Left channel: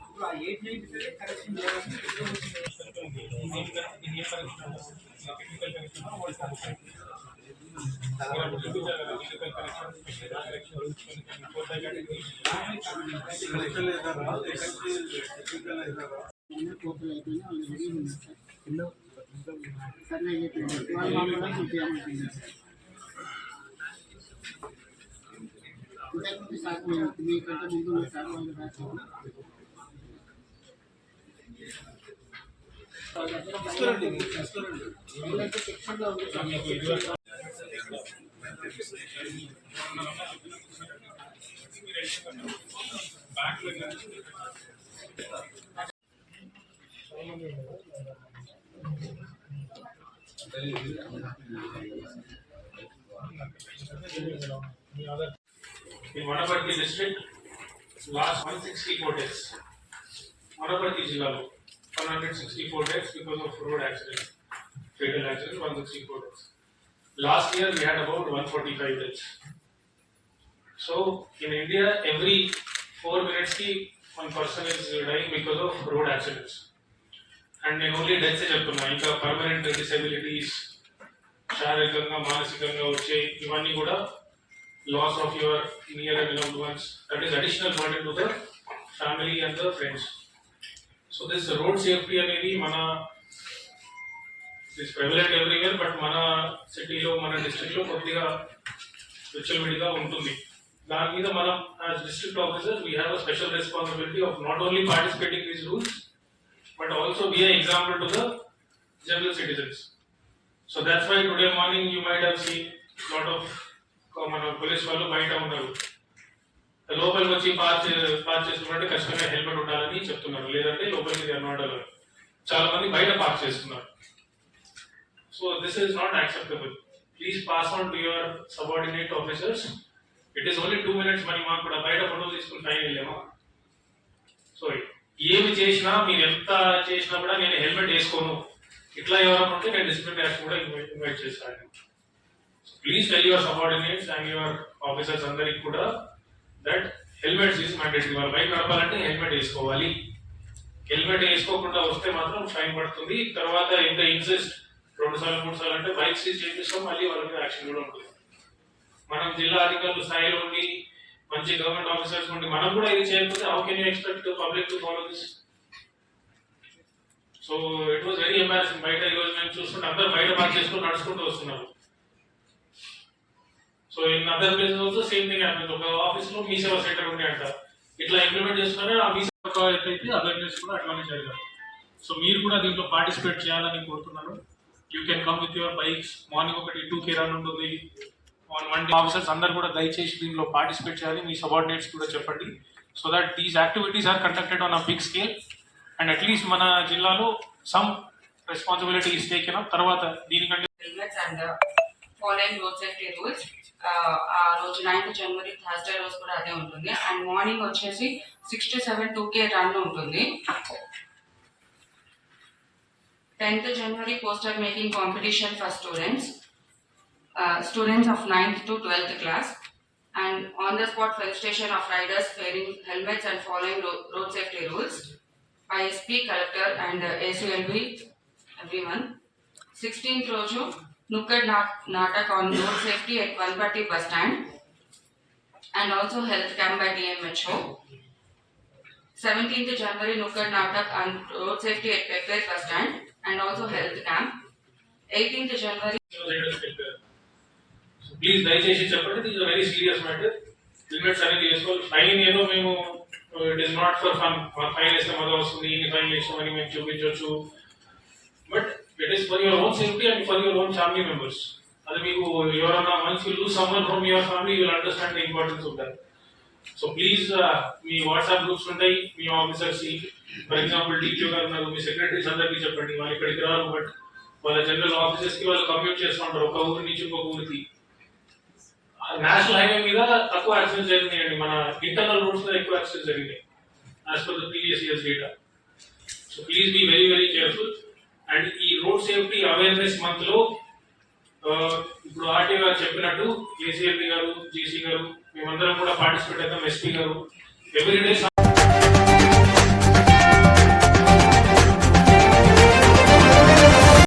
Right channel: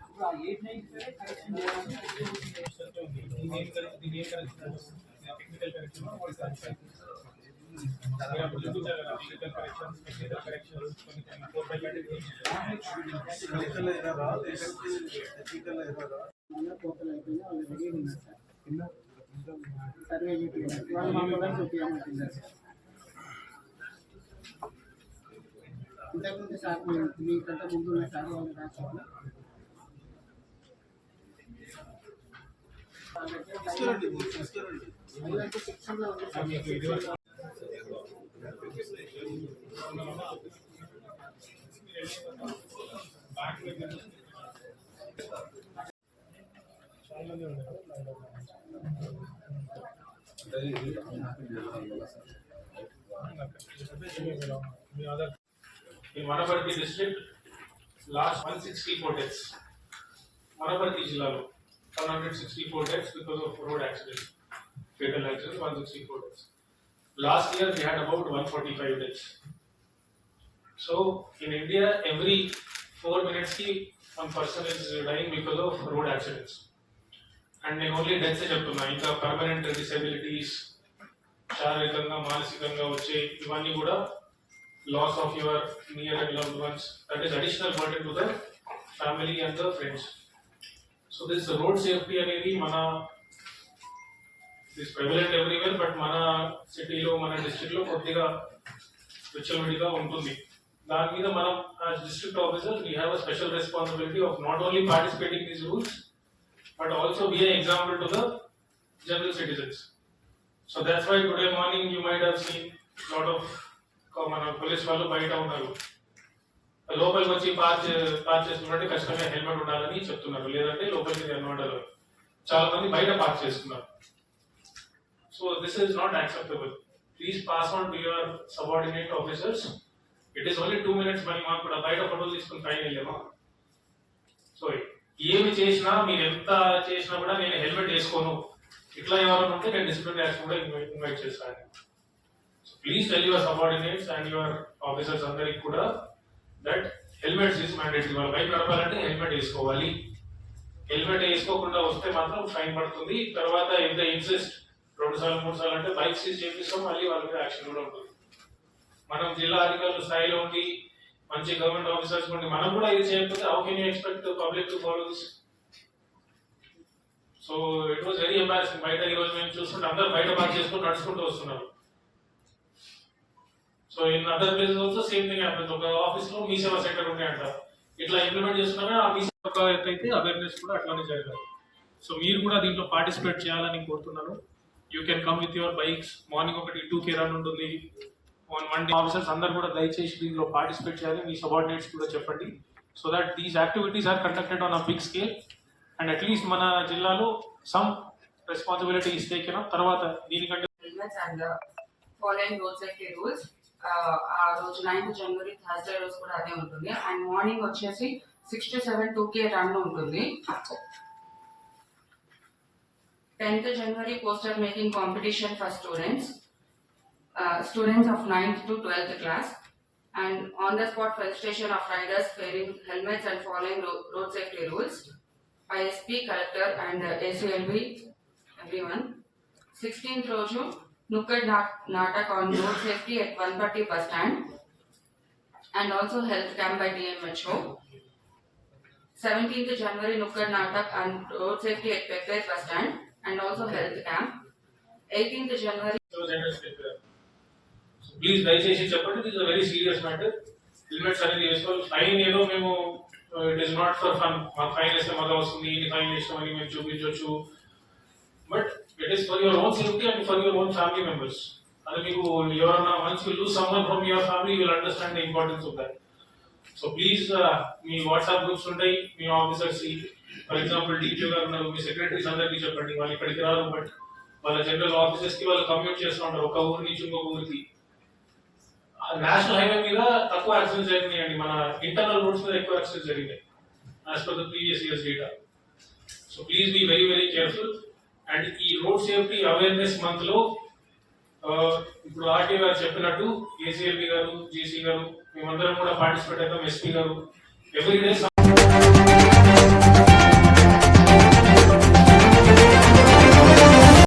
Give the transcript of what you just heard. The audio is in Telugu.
ఇప్పుడు ఆ ఎయిట్ నైన్ కరెక్షన్ చేయాలని టెక్నికల్ కరెక్షన్ వాళ్ళు సాటిస్ఫై టోటల్ అయిపోయింది వాళ్ళు రెడీ ఉన్నారు సార్ సర్వే అయిపోయింది వాళ్ళు మామూలుగా చూపించామంటున్నారు సార్ ఇంతకుముందు సార్ మీ- మీకంటే ముందు ఉన్న సార్ వాళ్ళు రాశారు వాళ్ళ దగ్గర వాళ్ళైతే సెక్షన్లో ఉంది సార్ మీకు ఇదివరకు In Manaparthi district, last 164 deaths. Manaparthi జిల్లాలో 164 deaths because of road accident, fatal accident, 164 deaths. Last year we had about 145 deaths. So in India, every four minutes ki one person is dying because of road accidents. And నేను ఓన్లీ డెత్స్ చెప్తున్నా ఇంకా పర్మనెంట్ డిసెబిలిటీస్ శారీరకంగా మానసికంగా వచ్చే ఇవన్నీ కూడా loss of your near and loved ones that is additional burden to the family and the friends so this road safety అనేది మన దిస్ ప్రెవలెంట్ ఎవ్రీవేర్ బట్ మన సిటీలో మన district లో కొద్దిగా విచ్చలవిడిగా ఉంటుంది దాని మీద మనం as district officers we have a special responsibility of not only participating these rules but also be an example to the general citizens. So that's why today morning you might have seen lot of మన పోలీస్ వాళ్ళు బయట ఉన్నారు. లోపలికి వచ్చి పార్క్ పార్క్ చేసుకున్నట్టు ఖచ్చితంగా హెల్మెట్ ఉండాలని చెప్తున్నారు. లేదంటే లోపలికి అనమాట చాలా మంది బయట పార్క్ చేస్తున్నారు. So this is not acceptable please pass on to your subordinate officers it is only two minutes many మాకు కూడా బయట ఫోటోలు తీసుకుని ఫైన్ వెళ్ళామా? సో ఏమి చేసినా మీరు ఎంత చేసినా కూడా నేను హెల్మెట్ వేసుకోను. ఇట్లా ఎవరైనా ఉంటే నేను డిసిప్లిన్ యాక్షన్ కూడా ఇన్వైట్ చేస్తాను. Please tell your subordinates and your officers అందరికి కూడా దట్ హెల్మెట్స్ ఈజ్ మ్యాండేటరీ వాళ్ళు బైక్ నడపాలంటే హెల్మెట్ వేసుకోవాలి. హెల్మెట్ వేసుకోకుండా వస్తే మాత్రం ఫైన్ పడుతుంది. తర్వాత ఎంత ఇన్సిస్ట్ రెండు సార్లు మూడు సార్లు అంటే బైక్ సీజ్ చేపిస్తాం మళ్ళీ వాళ్ళ మీద యాక్షన్ కూడా ఉంటుంది. మనం జిల్లా అధికారులు స్థాయిలో ఉండి మంచి గవర్నమెంట్ ఆఫీసర్స్ ఉండి మనం కూడా ఇది చేయకపోతే how can you expect public to follow this so it was very embarrassing బయట ఈరోజు మేము చూస్తుంటే అందరూ బయట పని చేసుకుని నడుచుకుంటూ వస్తున్నారు. So in other business also same thing happens ఒక ఆఫీస్లో మీ సేవా సెంటర్ ఉండే అంట. ఇట్లా ఇంప్లిమెంట్ చేస్తున్నారే? ఆ మీ సేవ అదర్ ప్లేస్ కూడా అట్లానే జరగాలి సో మీరు కూడా దీంట్లో పార్టిసిపేట్ చేయాలని కోరుతున్నాను. You can come with your bikes morning ఒకటి టూ కే రన్ ఉంటుంది వన్ డే ఆఫీసర్స్ అందరు కూడా దయచేసి దీనిలో పార్టిసిపేట్ చేయాలి. మీ సబార్డినేట్స్ కూడా చెప్పండి. So that these activities are conducted on a big scale and at least మన జిల్లాలో some responsibility is taken up తర్వాత దీనికంటే helmets and uh, following ఆ రోజు నైన్త్ జనవరి థర్స్డే రోజు కూడా అదే ఉంటుంది. అండ్ మార్నింగ్ వచ్చేసి six to seven two K run ఉంటుంది. Tenth January poster making competition for students Uh, students of 9th to 12th class and on-the-spot felicitation of riders wearing helmets and following road, road safety rules by SP collector and uh, ACLB everyone. 16th Roju Nukkad Natak on road safety at 130 bus stand and also health camp by DMHO. 17th January Nukkad Natak on road safety at Pepper bus stand and also health camp. 18th January please దయచేసి చెప్పండి this very serious matter helmets అనేది వేసుకోవాలి ఫైన్ ఏదో మేము it is not for fun fine వేస్తే మళ్ళీ వస్తుంది ఇన్ని ఫైన్ వేసామని మేము చూపించవచ్చు but it is for your own safety and for your own family members అది మీకు ఎవరన్నా once you lose someone from your family you will understand the importance of that so please me WhatsApp groups ఉంటాయి మీ ఆఫీసర్స్ ఫర్ ఎగ్జాంపుల్ డీక్యూ గారు ఉన్నారు మీ సెక్రటరీస్ అందరికీ చెప్పండి వాళ్ళు ఇక్కడికి రారు బట్ వాళ్ళ జనరల్ ఆఫీసర్స్ కి వాళ్ళు కమ్యూట్ చేస్తూ ఉంటారు ఒక ఊరి నుంచి ఇంకొక ఊరికి నేషనల్ హైవే మీద తక్కువ యాక్సిడెంట్స్ జరిగినాయండి. మన ఇంటర్నల్ రోడ్స్ మీద ఎక్కువ యాక్సిడెంట్స్ జరిగినాయి. As per the previous years data so please be very very careful and ఈ రోడ్ సేఫ్టీ అవేర్నెస్ మంత్లో ఇప్పుడు ఆర్టీఓ గారు చెప్పినట్టు ఏసీఎల్బి గారు జేసీ గారు మేమందరం కూడా పార్టిసిపేట్ అవుతాం ఎస్పీ గారు. ఎవ్రీడే